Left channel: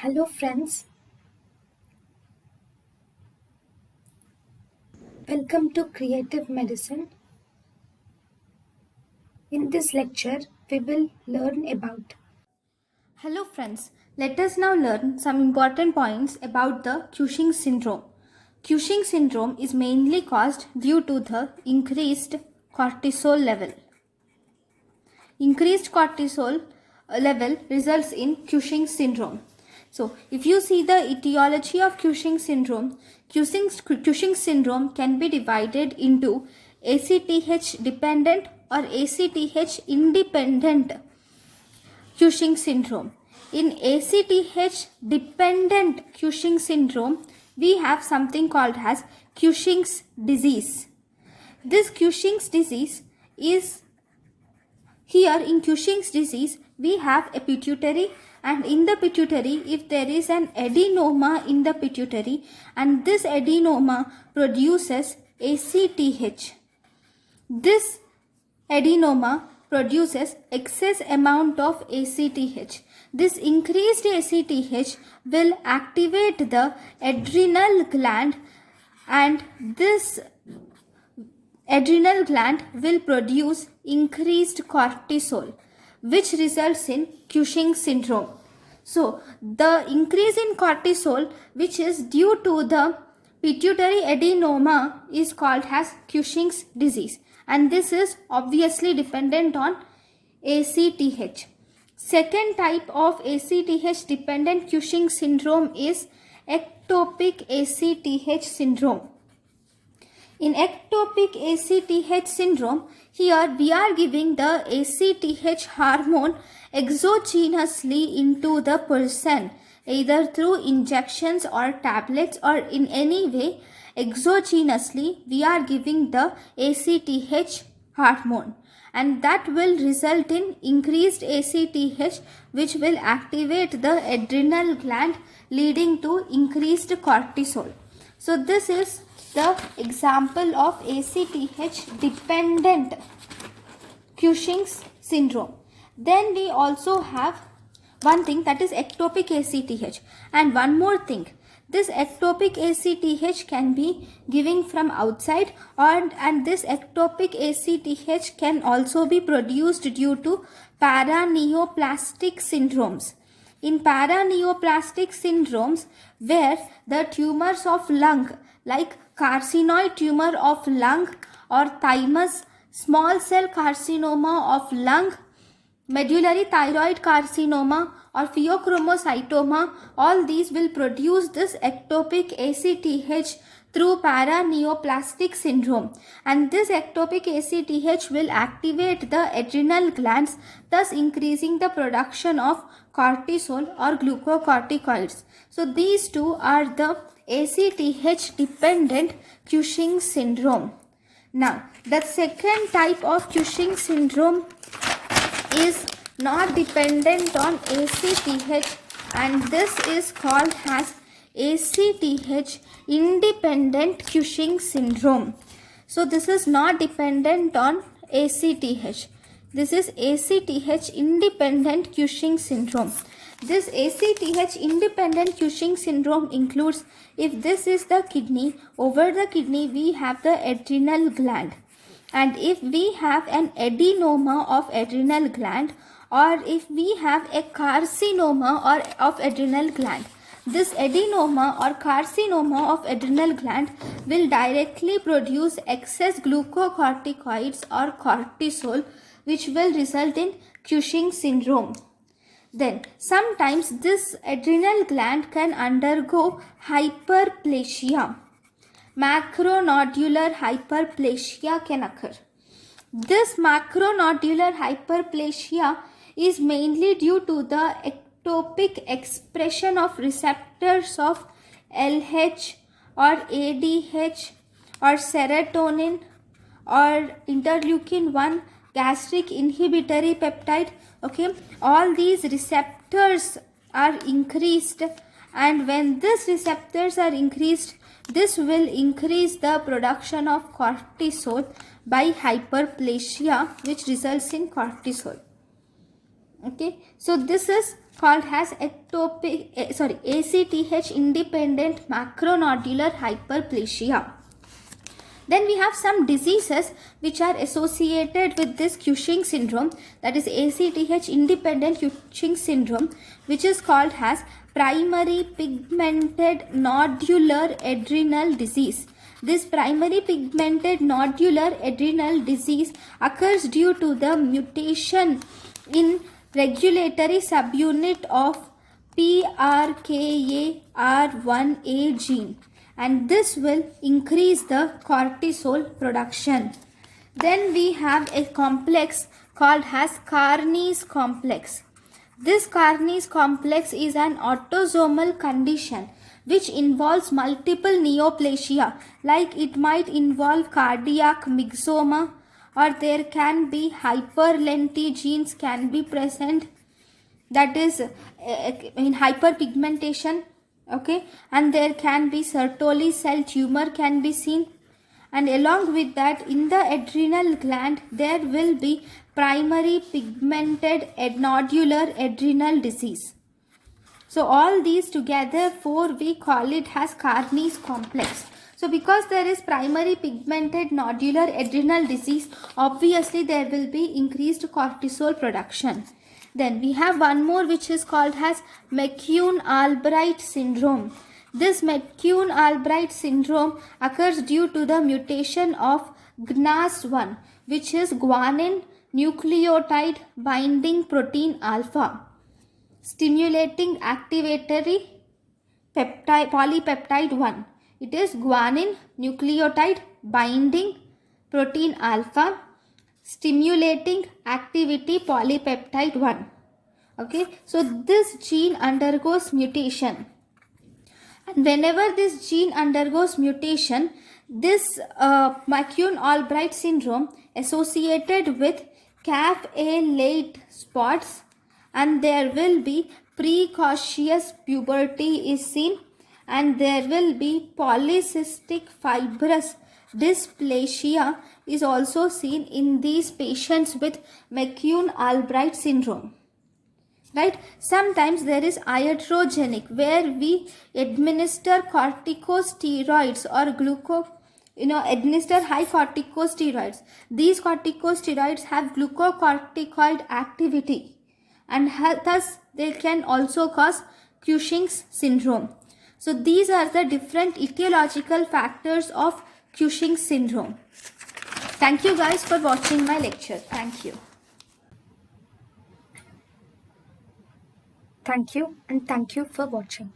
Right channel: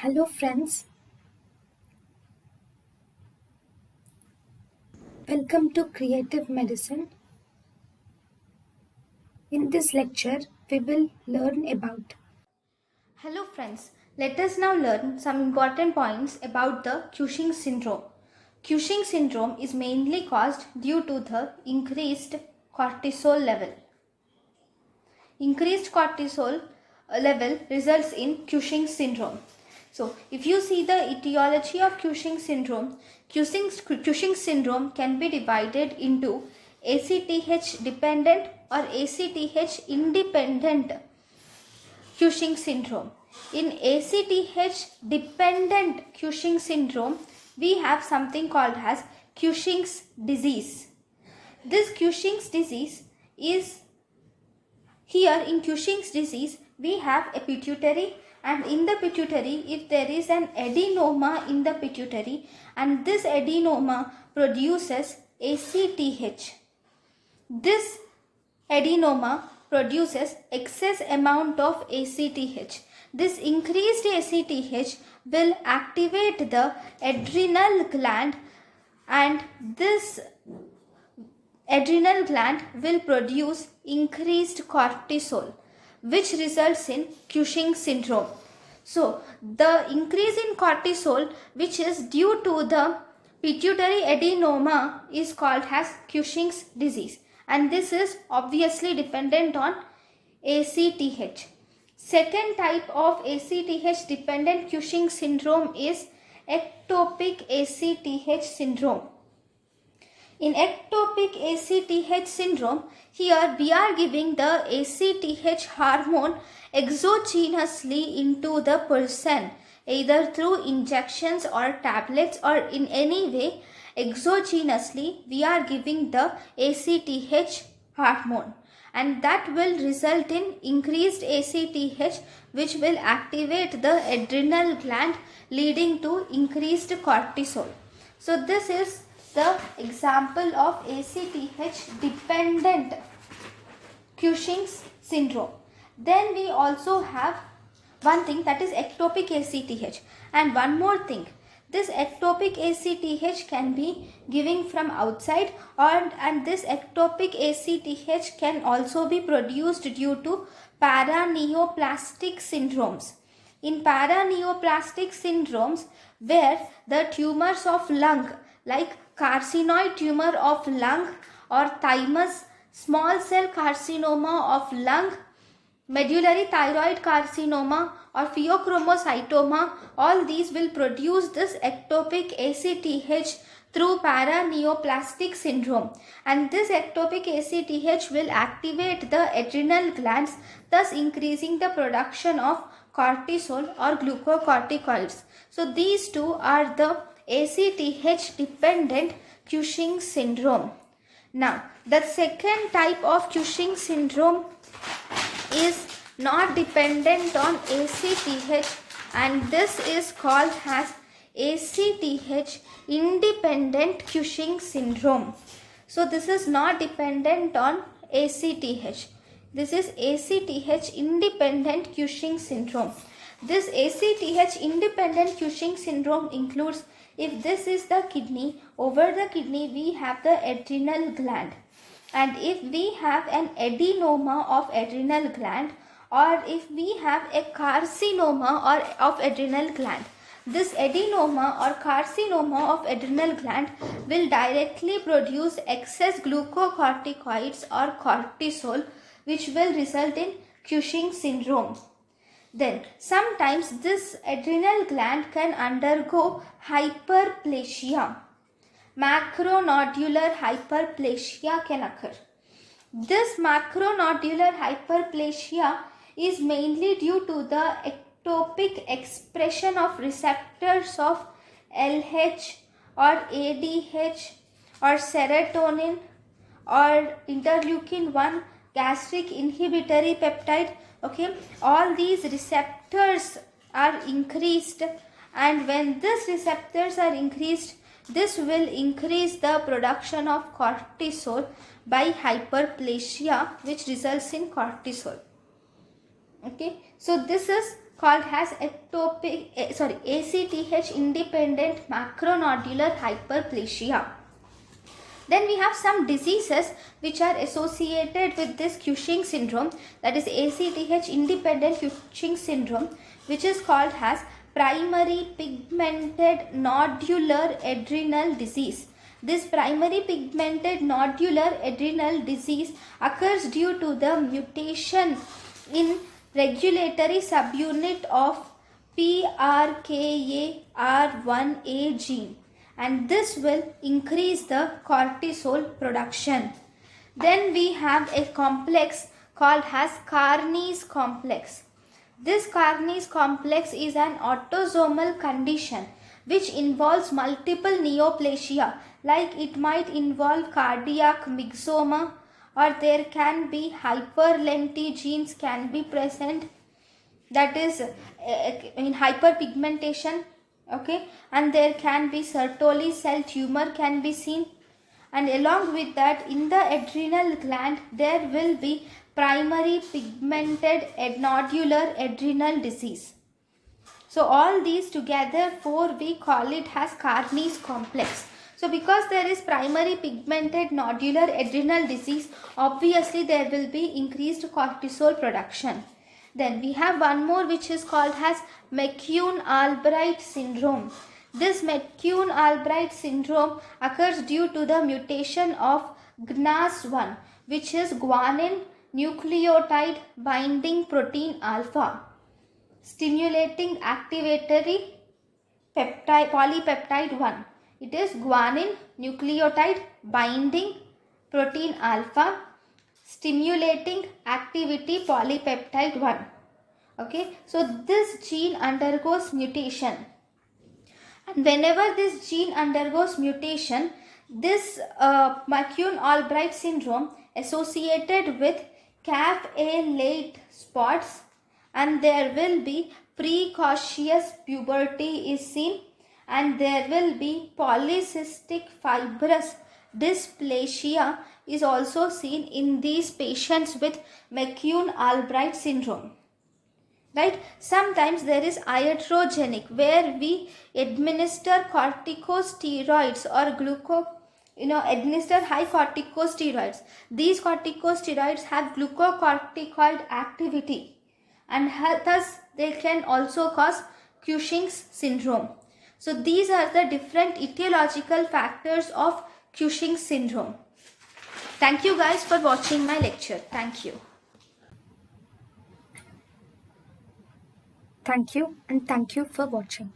Hello friends, welcome to Creative Medicine. In this lecture, we will learn about. Hello friends, let us now learn some important points about the Cushing syndrome. Cushing syndrome is mainly caused due to the increased cortisol level. Increased cortisol level results in Cushing syndrome. So, if you see the etiology of Cushing syndrome, Cushing syndrome can be divided into ACTH dependent or ACTH independent Cushing syndrome. In ACTH dependent Cushing syndrome, we have something called as Cushing's disease. This Cushing's disease is here in Cushing's disease, we have a pituitary, and in the pituitary, if there is an adenoma in the pituitary, and this adenoma produces ACTH. This adenoma produces excess amount of ACTH. This increased ACTH will activate the adrenal gland, and this adrenal gland will produce increased cortisol, which results in Cushing syndrome. So, the increase in cortisol, which is due to the pituitary adenoma, is called as Cushing's disease, and this is obviously dependent on ACTH. Second type of ACTH dependent Cushing syndrome is ectopic ACTH syndrome. In ectopic ACTH syndrome, here we are giving the ACTH hormone exogenously into the person, either through injections or tablets, or in any way exogenously we are giving the ACTH hormone, and that will result in increased ACTH, which will activate the adrenal gland, leading to increased cortisol. So this is the example of ACTH dependent Cushing's syndrome. Then we also have one thing, that is ectopic ACTH, and one more thing, this ectopic ACTH can be given from outside, and this ectopic ACTH can also be produced due to paraneoplastic syndromes. In paraneoplastic syndromes, where the tumors of lung, like carcinoid tumor of lung or thymus, small cell carcinoma of lung, medullary thyroid carcinoma or pheochromocytoma, all these will produce this ectopic ACTH through paraneoplastic syndrome, and this ectopic ACTH will activate the adrenal glands, thus increasing the production of cortisol or glucocorticoids. So these two are the ACTH dependent Cushing syndrome. Now, the second type of Cushing syndrome is not dependent on ACTH, and this is called as ACTH independent Cushing syndrome. So this is not dependent on ACTH. This is ACTH independent Cushing syndrome. This ACTH independent Cushing syndrome includes, if this is the kidney, over the kidney we have the adrenal gland, and if we have an adenoma of adrenal gland, or if we have a carcinoma of adrenal gland, this adenoma or carcinoma of adrenal gland will directly produce excess glucocorticoids or cortisol, which will result in Cushing syndrome. Then sometimes this adrenal gland can undergo hyperplasia. Macronodular hyperplasia can occur. This macronodular hyperplasia is mainly due to the ectopic expression of receptors of LH or ADH or serotonin or interleukin 1 gastric inhibitory peptide. Okay, all these receptors are increased, and when these receptors are increased, this will increase the production of cortisol by hyperplasia, which results in cortisol. Okay, so this is called as ACTH independent macronodular hyperplasia. Then we have some diseases which are associated with this Cushing syndrome, that is ACTH independent Cushing syndrome, which is called as primary pigmented nodular adrenal disease. This primary pigmented nodular adrenal disease occurs due to the mutation in regulatory subunit of PRKAR1A gene, and this will increase the cortisol production. Then we have a complex called as Carnes complex. This Carnes complex is an autosomal condition which involves multiple neoplasia, like it might involve cardiac myxoma, or there can be hyperlenti genes can be present, that is in hyperpigmentation, okay, and there can be Sertoli cell tumor can be seen, and along with that in the adrenal gland there will be primary pigmented nodular adrenal disease. So all these together we call it as Carnes complex. So because there is primary pigmented nodular adrenal disease, obviously there will be increased cortisol production. Then we have one more which is called as Mccune Albright syndrome. This Mccune Albright syndrome occurs due to the mutation of GNAS1, which is guanine nucleotide binding protein alpha, stimulating activatory polypeptide 1. It is guanine nucleotide binding protein alpha, stimulating activity polypeptide 1. Okay, so this gene undergoes mutation, and whenever this gene undergoes mutation, this Mccune Albright syndrome associated with CAF-A late spots, and there will be precocious puberty is seen, and there will be polycystic fibrous dysplasia is also seen in these patients with Mccune Albright syndrome. Right? Sometimes there is iatrogenic, where we administer corticosteroids or administer high corticosteroids. These corticosteroids have glucocorticoid activity, and thus they can also cause Cushing's syndrome. So these are the different etiological factors of Cushing syndrome. Thank you guys for watching my lecture. Thank you. Thank you, and thank you for watching.